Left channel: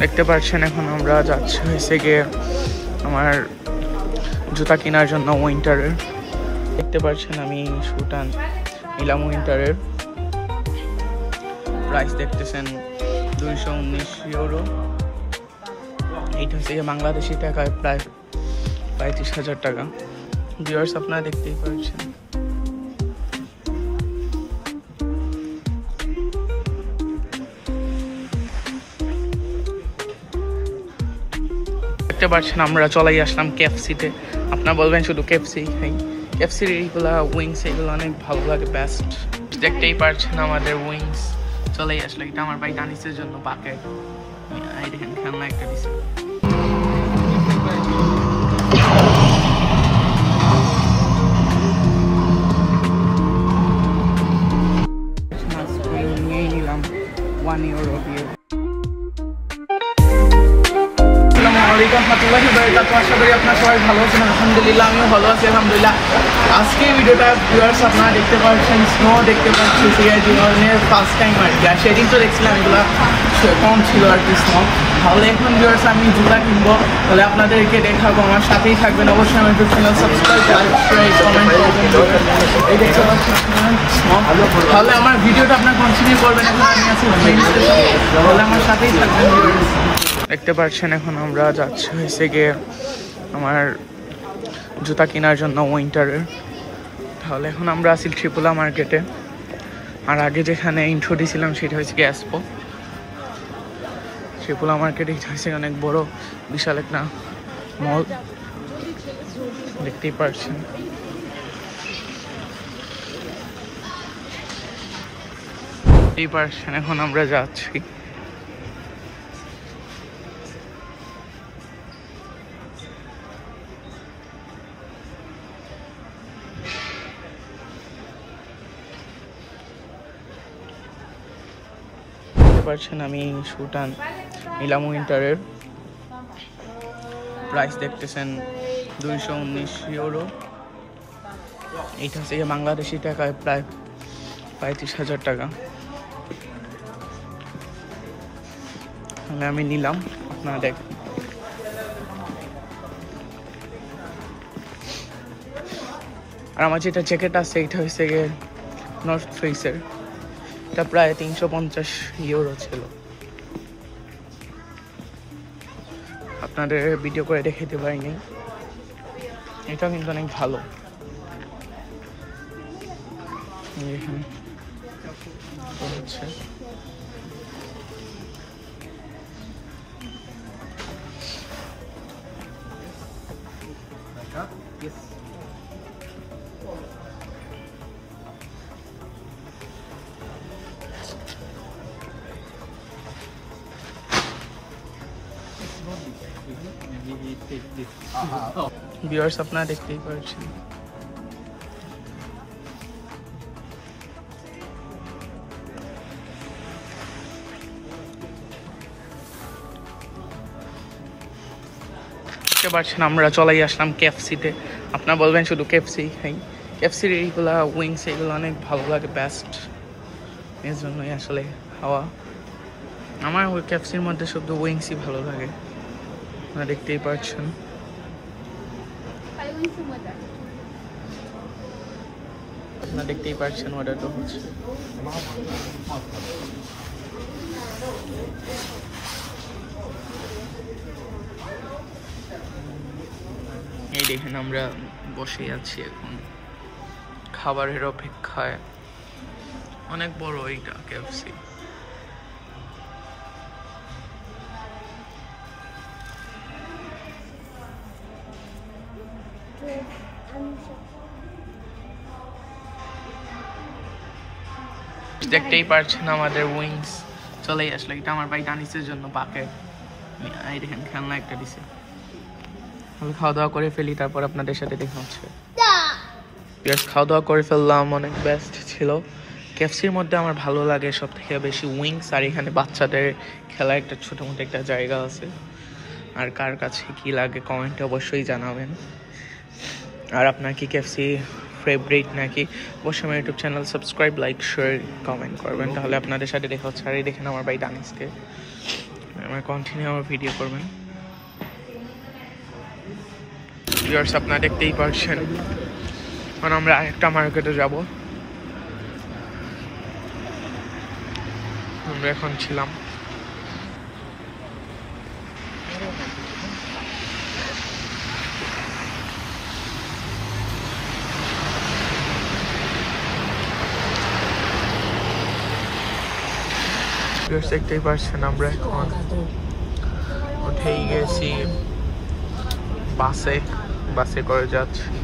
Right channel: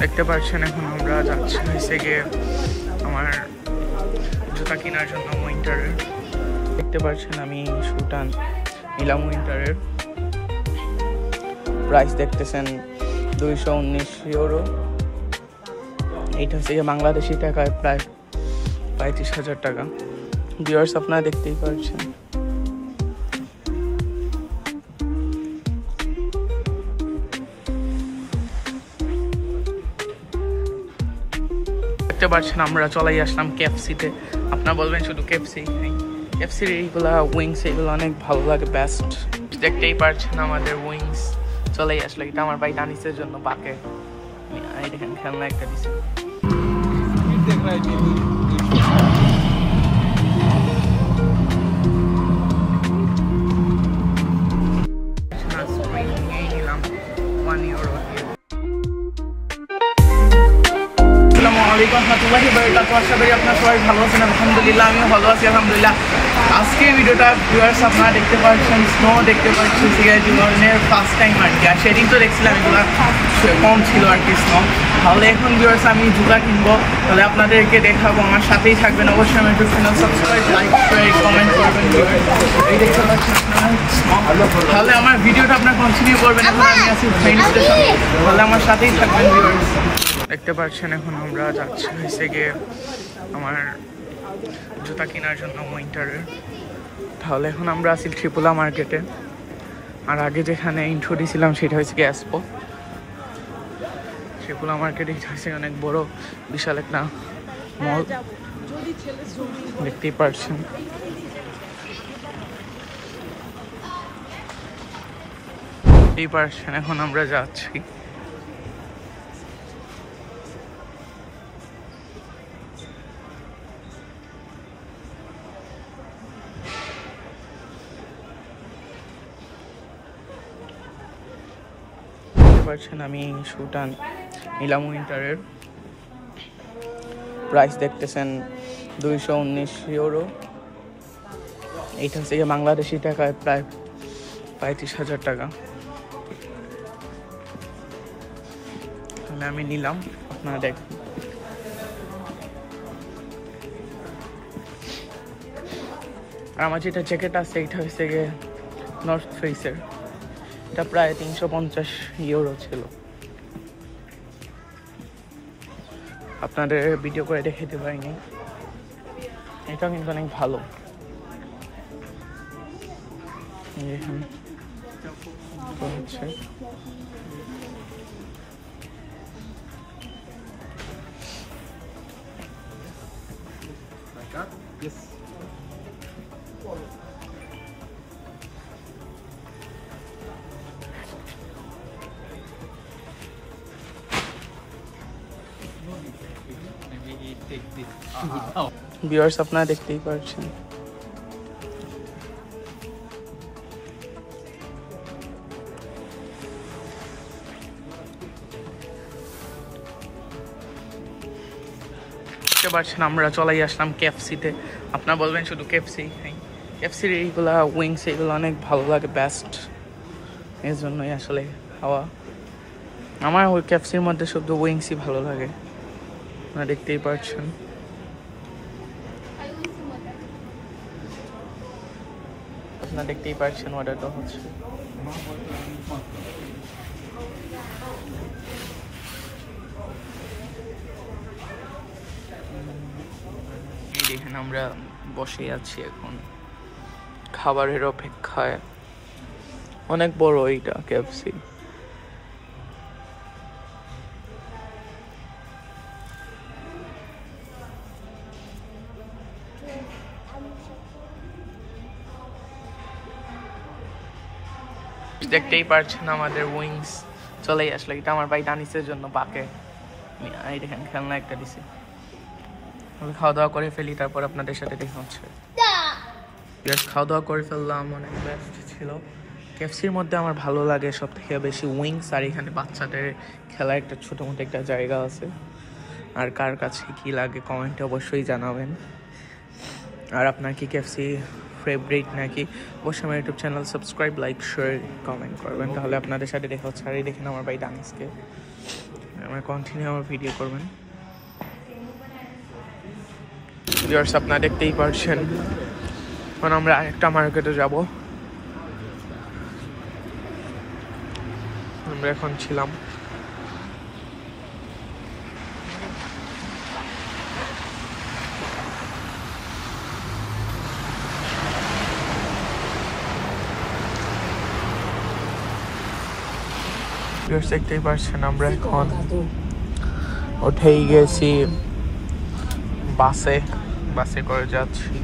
দেখতে পাচ্ছেন এখন আমরা যাচ্ছি হয়েছে গিয়ে আমার জুতা কেনার জন্য উইন্টারের। দেখতে পাচ্ছেন আমি শুটা নিলাম উইন্টারের। প্রাইস দেখতেছেন 219 ইউরো। এইটা হচ্ছে গিয়ে বাংলাদেশি টাকায় প্রায় 35,000 টাকা। ভিউয়ার্স আপনারা দেখতেই পাচ্ছেন। দেখতে পাচ্ছেন আমরা চলাই আসলাম কেএফসিতে। আপনারা বলবেন শুধু কেএফসি খাই, কেএফসির এইগুলা উইংস এগুলো অনেক ভালো লাগে, বেস্ট। দেখতেই পাচ্ছেন আমাদের উইংস চলেই আসলো। এটা আমার ভাই দানিসের জন্য বাকেট। এই দেখেন খেলনা একটা দিছে। আশা করি আপনারা সবাই ভালো আছেন। আলহামদুলিল্লাহ আমিও ভালো আছি আলহামদুলিল্লাহ। আজকে ভিডিওটা ভিউয়ার্স আপনারা দেখতে পাচ্ছেন স্নো দেখতে পাচ্ছি জীবনের ফার্স্ট টাইম আর কি। আর সেদিন তো দেখছিলাম এগুলো কম ছিল আর কি স্নো। তাহলে এখন ভিউয়ার্স আমি জুতা কিনবো, তাহলে আপনাদেরকে দেখাবো, আমার সাথেই থাকবেন অবশ্যই। আমার YouTube channel subscribe, like, share, comment করবেন ভিউয়ার্স। এই দেখতে পাচ্ছেন আপনারা স্নো। তাহলে আমার ভিডিওটা আপনারা কন্টিনিউ করবেন। এখন আমি আছি ট্রেন স্টেশন, তাহলে আমার সাথেই থাকবেন ভিউয়ার্স। দেখতে পাচ্ছেন এখন আমরা যাচ্ছি হয়েছে গিয়ে আমার জুতা কেনার জন্য উইন্টারের। তাহলে এখন আমরা আছি ত্রিপুলা মার্কেটে। আর আগে যেখানে ইন্ট্রো দিয়েছিলাম সেটা হচ্ছে গিয়ে এক্সপো। ত্রিপুলা মার্কেটে হয়েছে অনেক বড় বিশাল একটা মল, দেখতেই পাচ্ছেন। এই পাচ্ছেন এখন আমরা যাচ্ছি। পাচ্ছেন আমি শুটা নিলাম উইন্টারের। প্রাইস দেখতেছেন 219 ইউরো। এইটা হচ্ছে গিয়ে বাংলাদেশি টাকায় প্রায় 35,000 টাকা। তাহলে আমি নিলাম, আপনারা দেখেন। আর আমার যেটা জ্যাকেট আছে এটা হচ্ছে গিয়ে নর্থ ফেসের। এটা প্রায় 350 ইউরো ছিল। আপনাদের ভিডিও করে দেখাতে পারিনি, এটা কিন্তু অনেক ভালো। দেখেন তো হচ্ছে ভিউয়ার্স আপনারা দেখতেই পাচ্ছেন। দেখতে পাচ্ছেন আমরা চলাই আসলাম কেএফসিতে। আপনারা বলবেন শুধু কেএফসি খাই, কেএফসির এইগুলা উইংস এগুলো অনেক ভালো লাগে, বেস্ট। এর জন্যই আসলে খাওয়া। আমার ওই কেএফসির মধ্যে শুধু উইংসই ভালো লাগে, আপনারা দেখতেই পাচ্ছেন। আপনারা দেখতেই পাচ্ছেন অর্ডারটা হচ্ছে। এই দেখেন আমরা বসে আছি এখন খাবারের অপেক্ষায়। অনেক বড় এইটা কেএফসি। দেখতেই পাচ্ছেন আমাদের উইংস চলেই আসলো। এটা আমার ভাই দানিসের জন্য বাকেট। এই দেখেন খেলনা একটা দিছে। খাওয়া দাওয়া করে ফেলি, তারপর আপনাদের সাথে দেখা হচ্ছে। খাওয়া দাওয়া করে ফেললাম, অনেক বেস্ট ছিল। কেএফসির মধ্যে আমার ভালো লাগে সব থেকে বেশি উইংস। আর এখানে বাচ্চাদের খেলার একটা ছোটো মোটো একটা জায়গা আছে। আর কার কাছে কি লাগে কমেন্টে অবশ্যই জানাবেন। আর আপনার কি কেএফসি ফেভারিট নাকি অবশ্যই আমার YouTube channel subscribe, like, share, comment করবেন। তাহলে আপনাদের সাথে দেখা হচ্ছে। আর এই দেখেন আমার ভাই দানিসকে আমরা কন্টিনিউ আমার ভিডিও করবেন। ভিউয়ার্স আপনারা দেখতেই পারছেন এখন আমরা আরেকটা মার্কেটে যাব। আমরা এখন ছিলাম দেখতেই পাচ্ছেন আমরা এখন উঠেই গেছি বাসে করে যাচ্ছি।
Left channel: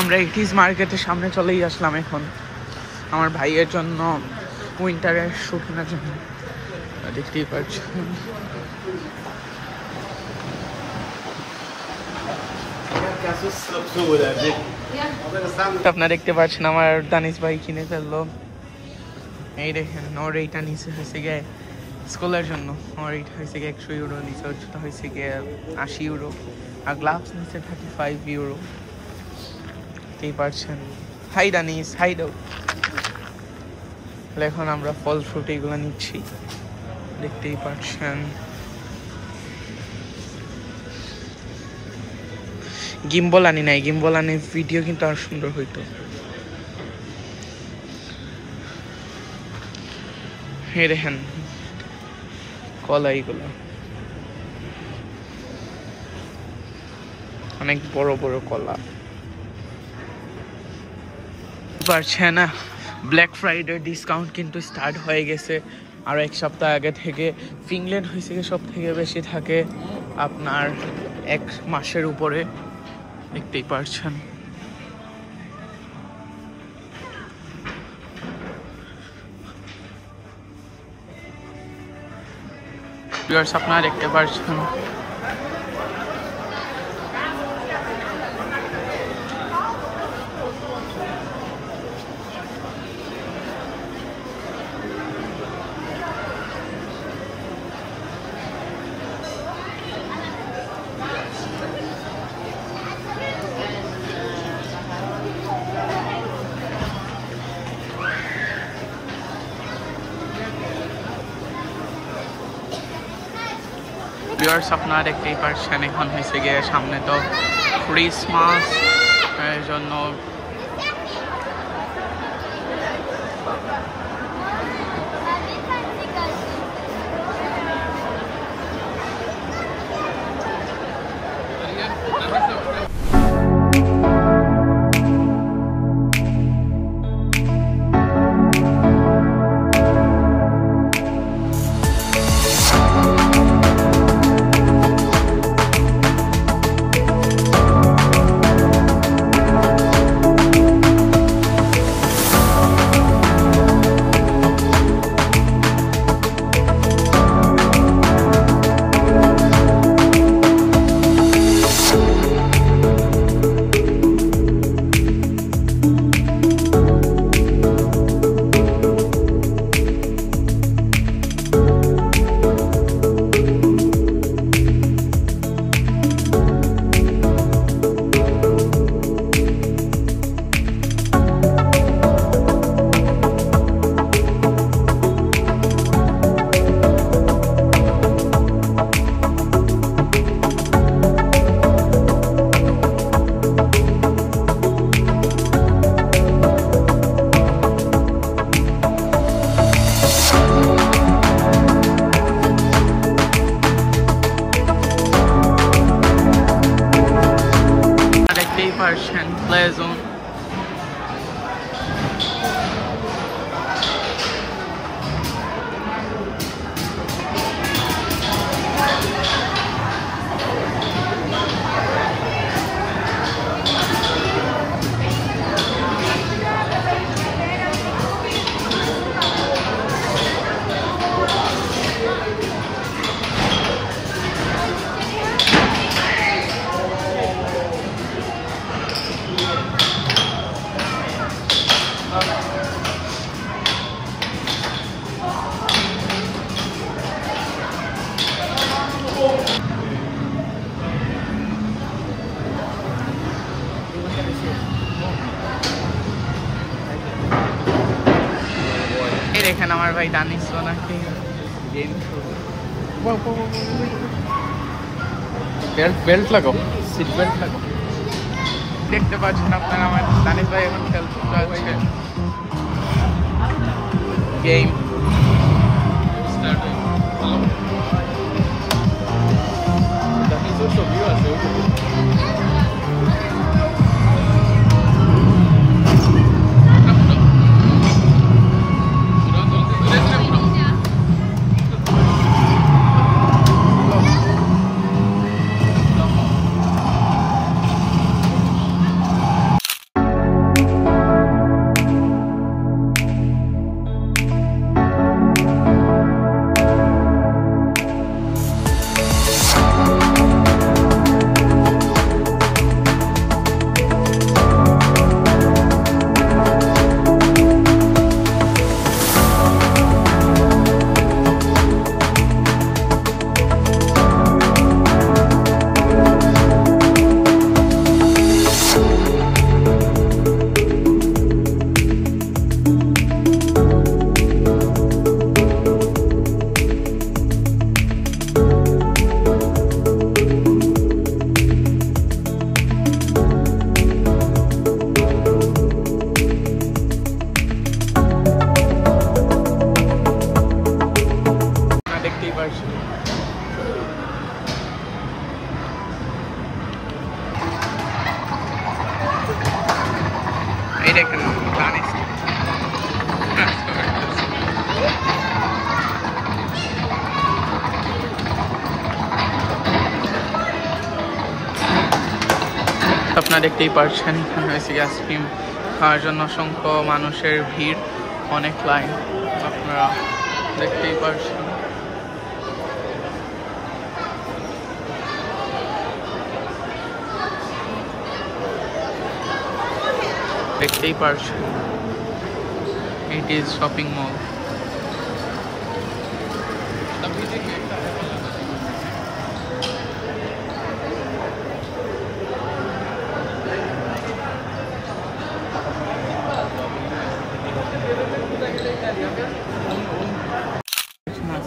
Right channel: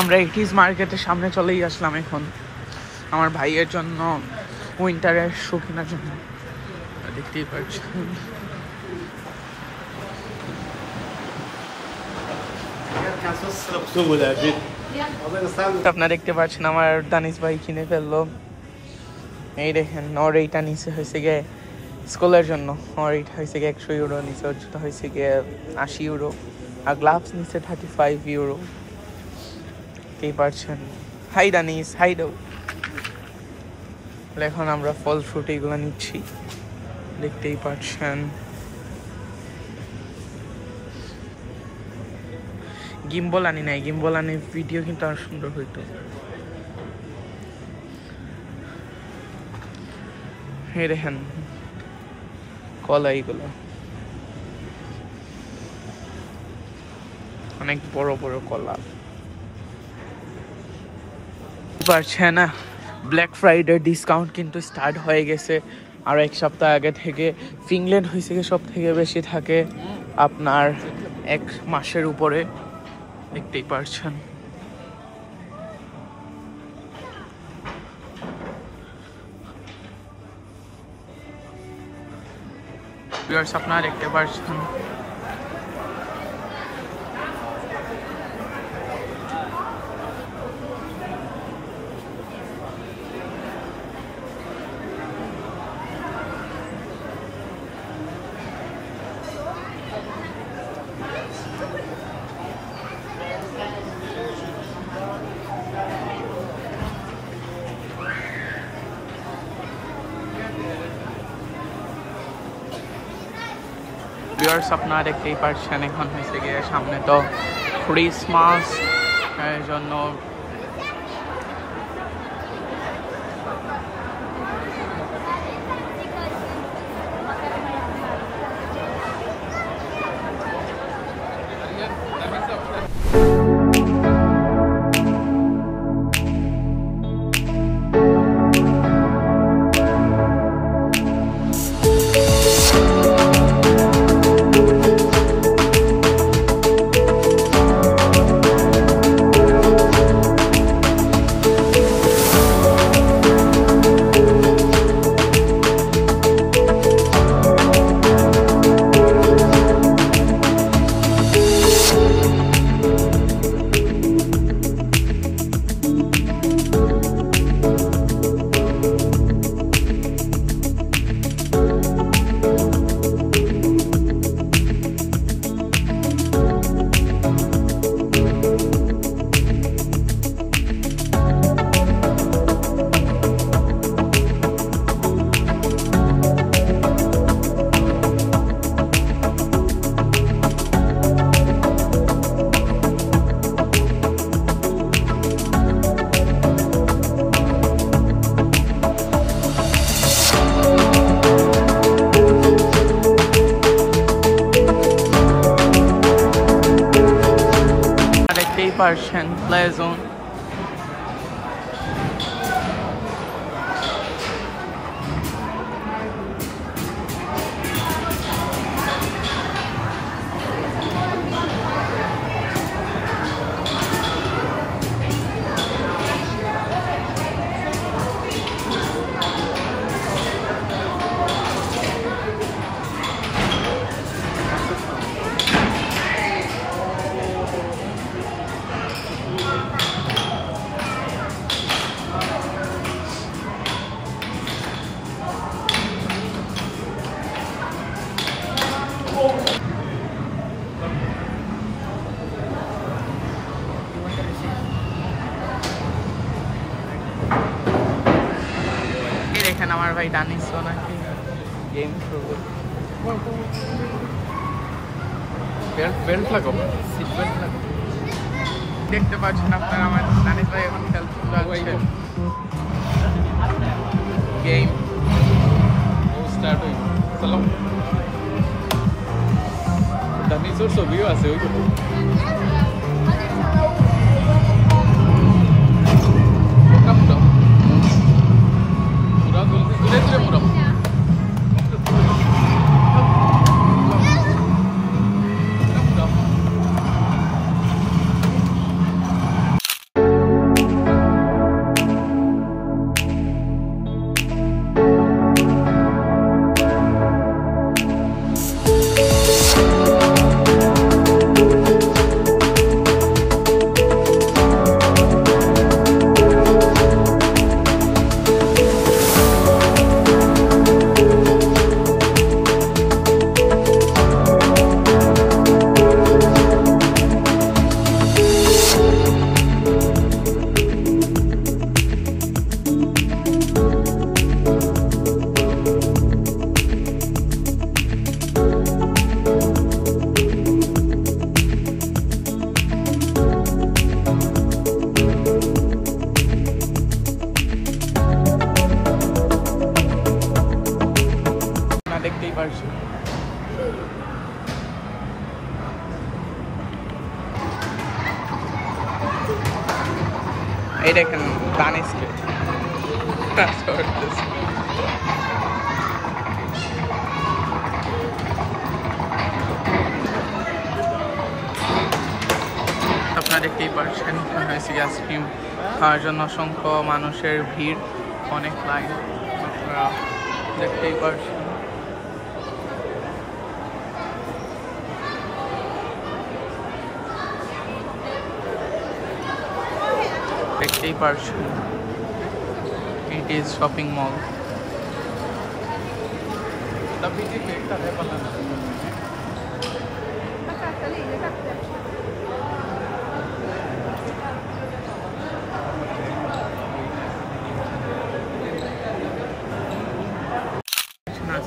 আমরা ইটিস মার্কেটের সামনে চলেই আসলাম এখন আমার ভাইয়ের জন্য উইন্টারের শু কেনার জন্য। দেখতেই পাচ্ছেন আপনারা দেখতে পাচ্ছেন আমার দানিশ ভাই কিনে ফেললো। এই দেখেন ওর এইটা নিচে হয়েছে গিয়ে স্কুলের জন্য, ওর এইটা হয়েছে গিয়ে 100 ইউরো, নিচে ওটা হয়েছে গিয়ে 80 ইউরো, আর গ্লাভস নিচে 35 ইউরো। দেখতেই পাচ্ছেন। হাই দানিশ, হাই দাও। এখন আমরা ফল ফ্রুট এগুলো নিচ্ছি, দেখতেই পাচ্ছেন। গিম্বল আনি নাই, গিম্বল আনি ভিডিও কিন্তু আর সুন্দর হইতো। এই দেখেন কলা, এইগুলো অনেক বড় বড় কলা। পারছে না, ব্ল্যাক ফ্রাইডে ডিসকাউন্ট কিন্তু স্টার্ট হয়ে গেছে আর এক সপ্তাহ আগে থেকে। ফিনল্যান্ড হয়েছে সব থেকে বেশি থাকে আপনার 1 মাসের উপরে, দেখতেই পারছেন। ভিউয়ার্স আপনারা দেখতে পারছেন ভিউয়ার্স আপনারা দেখতেই পাচ্ছেন এখন হয়েছে গিয়ে সামনে তো ক্রিসমাস, এর জন্য দেখতেই পারছেন প্লে জোন। দেখেন আমার ভাই দানিশ নাকি গেম খেলবে। বেল্ট লাগো, সিট বেল্ট লাগো। দেখতে পাচ্ছেন আপনারা আমার দানিশ ভাই এখন খেলতে চলছে গেম। ছবিও আছে দেখতেই পারছি। এই দেখেন দানিশ আপনারা দেখতেই পারছেন এখানে হয়েছে আইসক্রিম খাওয়ার জন্য অসংখ্য মানুষের ভিড়, অনেক লাইন আপনারা দেখতেই পারছেন। দেখতেই পারছেন it is shopping mall.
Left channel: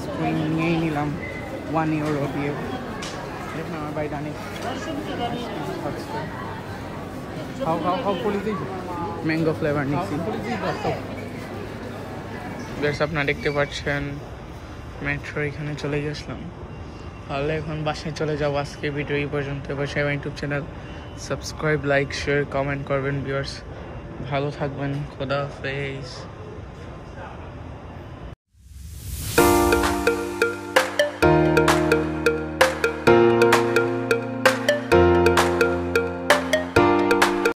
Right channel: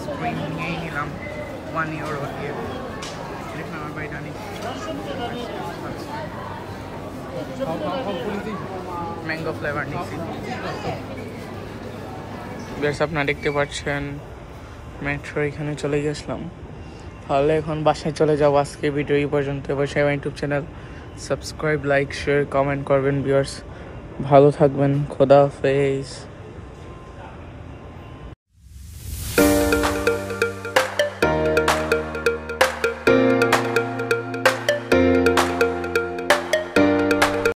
Screen নিয়েই নিলাম 1 ইউরো দিয়ে। দেখুন আমার বাড়ি ডানি ম্যাঙ্গো ফ্লেভার নিচ্ছি। বেশ আপনারা দেখতে পাচ্ছেন মেট্রো এখানে চলে গেছিলাম, তাহলে এখন বাসায় চলে যাবো। আজকে ভিডিও এই পর্যন্ত। এবার সবাই YouTube channel subscribe, like, share, comment করবেন। ভিউয়ার্স ভালো থাকবেন, খোদা হাফেজ।